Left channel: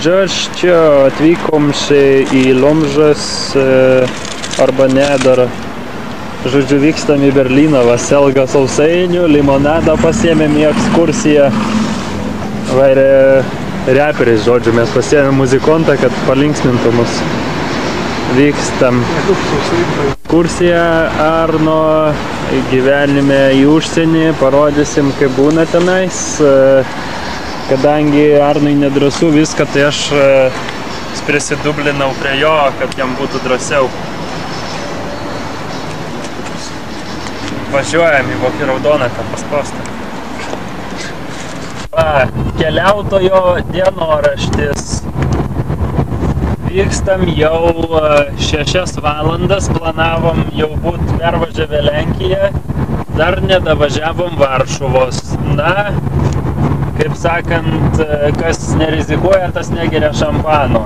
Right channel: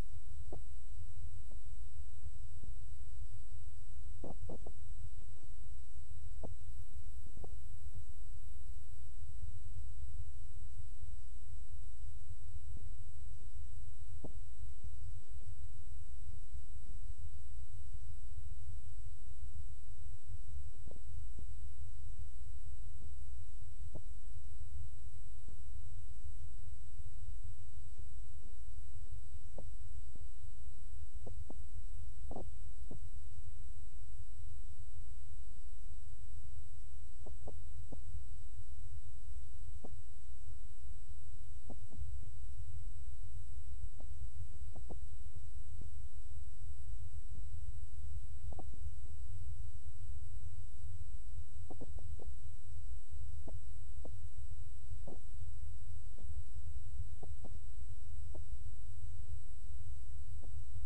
Džaš čia atvykom į Lomžas arba ne dar. Žodžiu, vykstam į Berlyną, Vaselga sausainių, limonadą pasiėmėm į ekskursiją. Va ir reperis, žodžiu, mes pasiėmėm muzikontą, kad palinksmintų mus. Vykstam ekskursiją Arno gyvenime į užsienį, parodysim, kaip būna tenais. Kadangi Arnui nedrąsu viską, tai aš prisidublinau prie jo, kad jam būtų drąsiau. Važiuojam į Vokį Raudoną, kad paspaustą. Keliautojo dienoraštis. Vykstam jau 6 valandas, planavom jau būt pervažiavę Lenkiją, dar nedavažiavom Varšuvos. Na, kaip sakant, kas nerizikuoja, tas negeria šampano.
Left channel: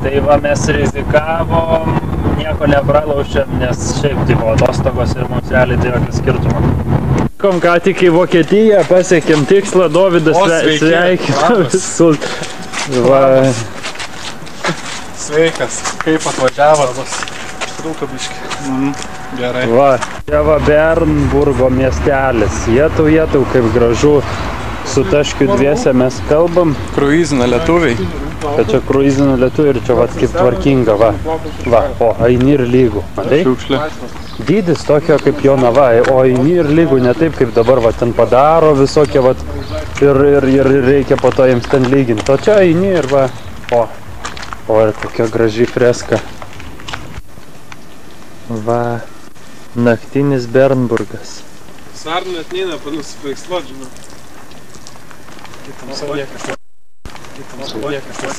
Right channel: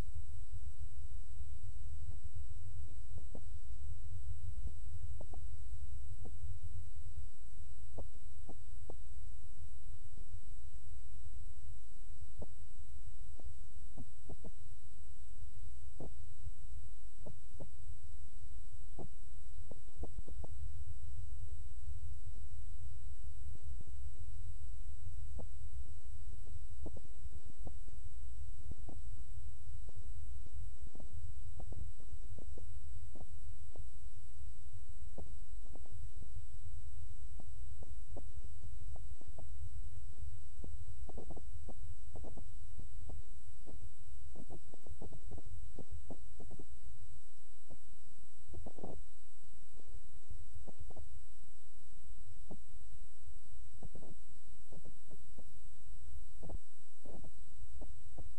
Tai va, mes rizikavom, nieko nepralaušėm, nes šiaip tai buvo atostogos ir mums realiai tai jokio skirtumo. Kom ką tik į Vokietiją, pasiekėm tikslą, Dovydas sveikina visus. Sveikas, kaip atvažiavot? Trūko biškį. Gerai. Va, čia va Bernburgo miestelis. Jetau, kaip gražu. Su Taškiu dviese mes kalbam. Kruizina lietuviai. Kad čia kruizina lietuviai ir čia va kaip tvarkinga, va. Va, o eini ir lygų. Matai? Šiukšlė. Dydis tokio kaip Jonava, o eini ir lygų, ne taip kaip dabar, va, ten padaro visokie, va, ir reikia po to jiems ten lyginti. O čia eini ir va, o ir tokia graži freska. Va, naktinis Bernburgas. Sarnu net neina nusipaiksluot, žinau.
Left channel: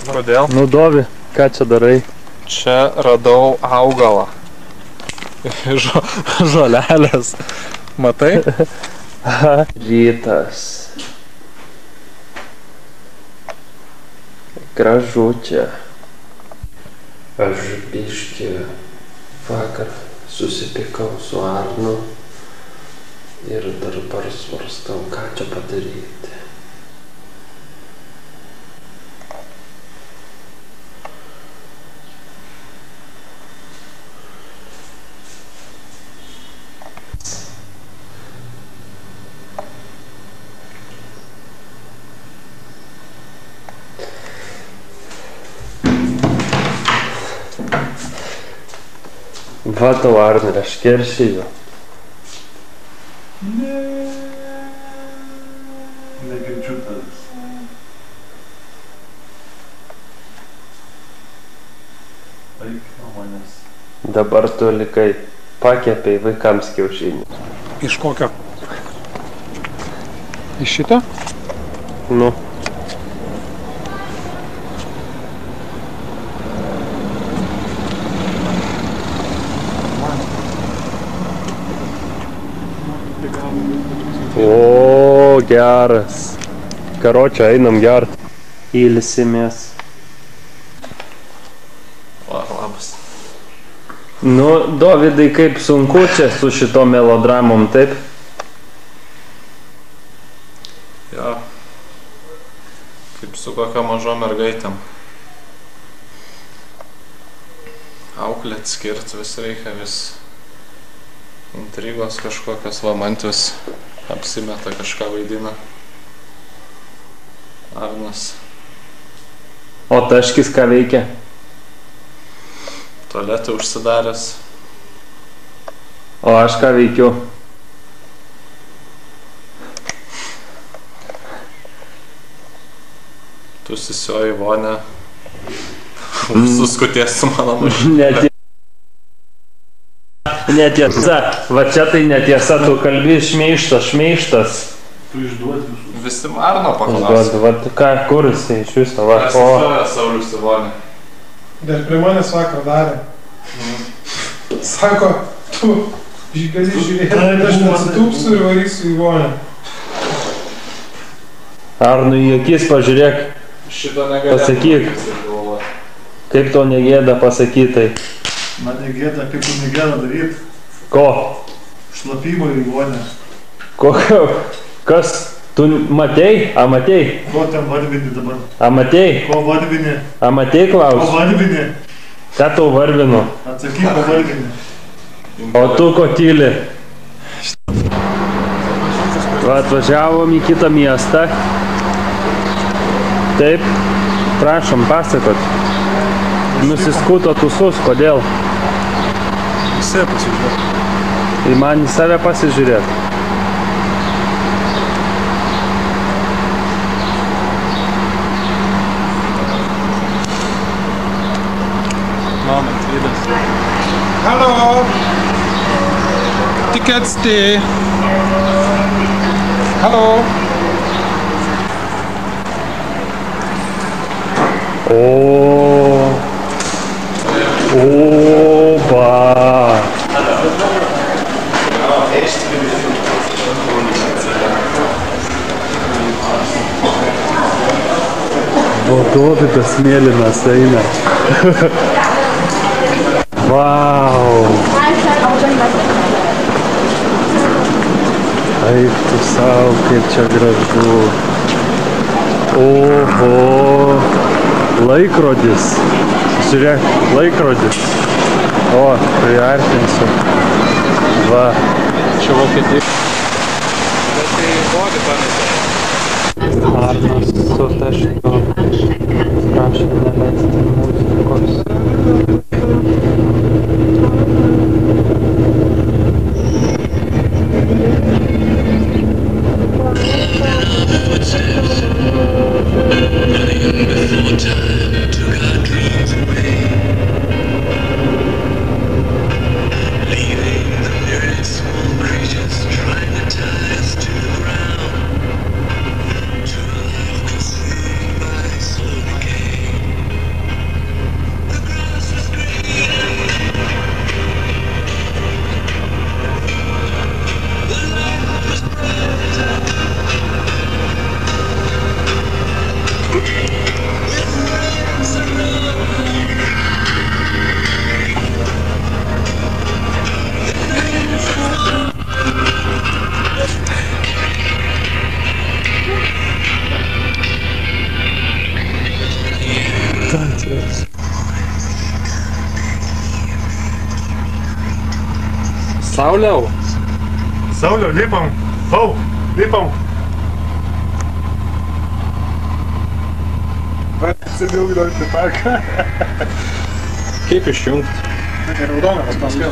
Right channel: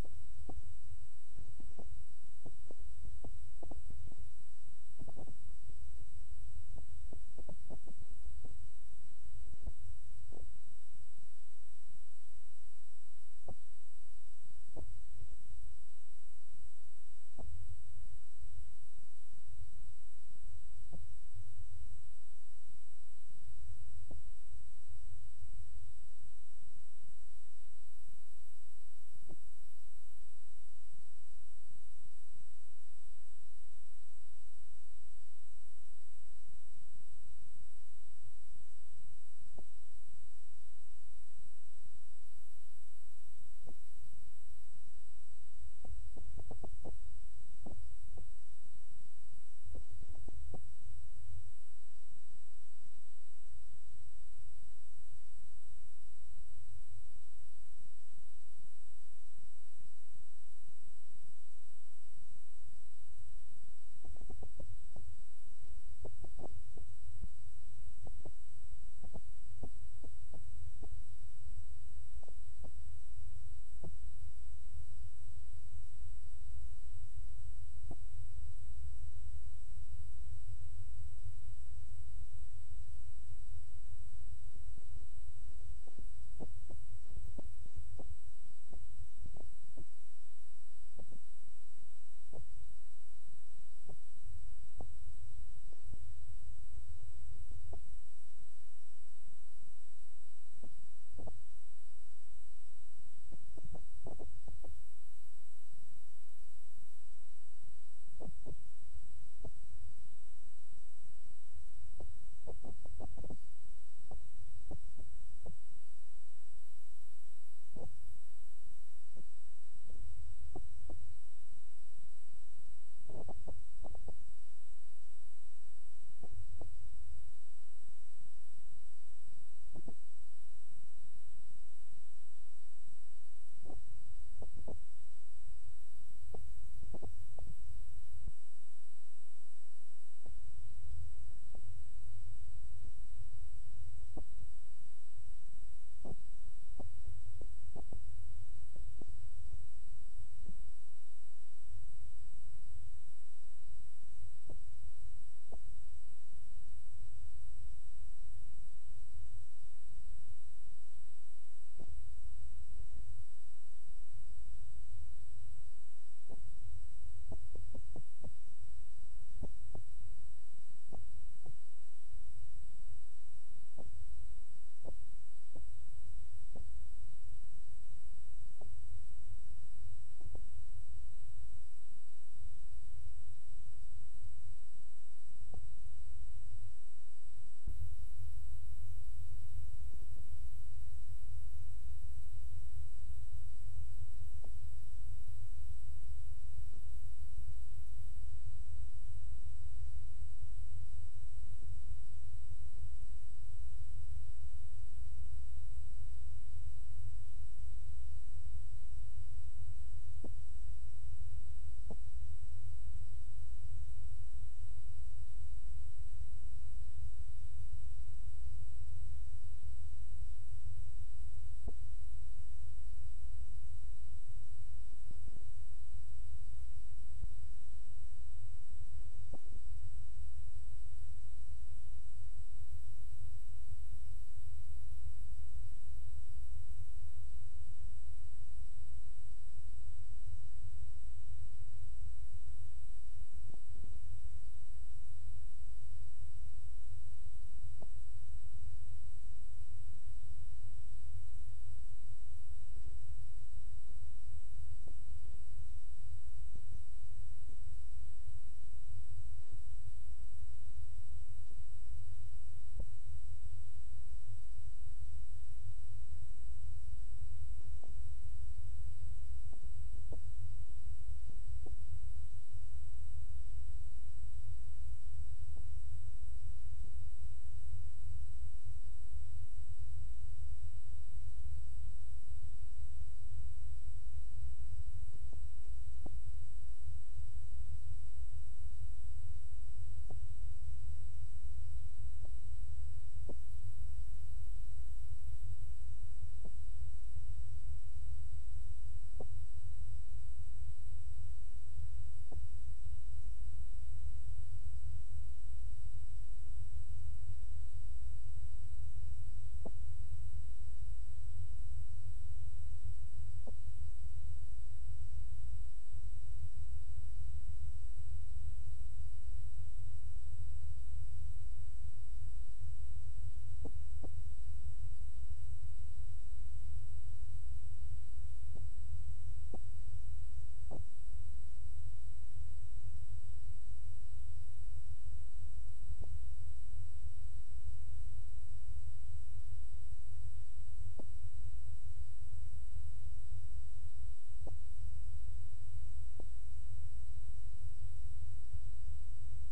Kodėl? Nu, Dovi, ką čia darai? Čia radau augalą. Žolelės. Matai? Rytas. Gražu čia. Aš biškį vakar susipykau su Arnu ir dabar svarstau, ką čia padaryti. Va tau, Arnai, aš keršiju. Negirdžiu tavęs. Eik nuo manęs. Dabar tu likai pakepei vaikams kiaušinį. Iš kokio? Iš šito? Nu. O, geras. Karočią, einam gert. Ilsimės. Labas. Nu, Dovydai, kaip sunku čia su šito melodramom, taip? Jo. Kaip su kokio mažo mergaitėm. Auklėt skirt vis reikia, vis intrigos kažkokios, va mantis apsimeta, kažką vaidina. Arnas. O Taškis ką veikia? Tualetą užsidaręs. O aš ką veikiu? Tu susioji vonę. Suskuties su mano mašina. Netiesa. Va čia tai netiesa, tu kalbi šmeištas. Tu išduodi visus. Visi Arno paklausė. Va ką, kur jisai iš viso, va. Pasistoja Saulius į vonę. Dar prie manęs vakar darė. Sako, tu gali žiūrėti, aš nesitūpsiu ir varysiu į vonę. Arnui į akis pažiūrėk. Šito negalėtų. Pasakyk. Kaip to negėda pasakytai? Man negėda, kaip tu negėda daryti. Ko? Šlapimo į vonę. Kas? Tu matei? A matei? Ko ten varvini dabar? A matei? Ko varvini? A matei Ko klaus? varvini? Ką tau varvinu? Atsakyk, ko varvini. O tu ko tyli? Va, atvažiavom į kitą miestą. Taip, prašom, pasakot. Nusiskuto tūsus, kodėl? Visi pasižiūrėk. Tai man į save pasižiūrėt. Moment, Lidas. Hallo! Tickets D. Hallo! O. Oba. Dovydas mėlynas eina. Vau. Eik tu sau, kaip čia gražu. Oho. Laikrodis. Žiūrėk, laikrodis. O, priartinsiu. Va. Čia Vokietija. Bet tai žodį pametė. Arnas su tašku. Prašom neleisti muzikos. Sauliau. Sauliau, lipam. Hau, lipam. Sėdėjau įdant į parką. Kaip išjungti? Tai raudonas paskui.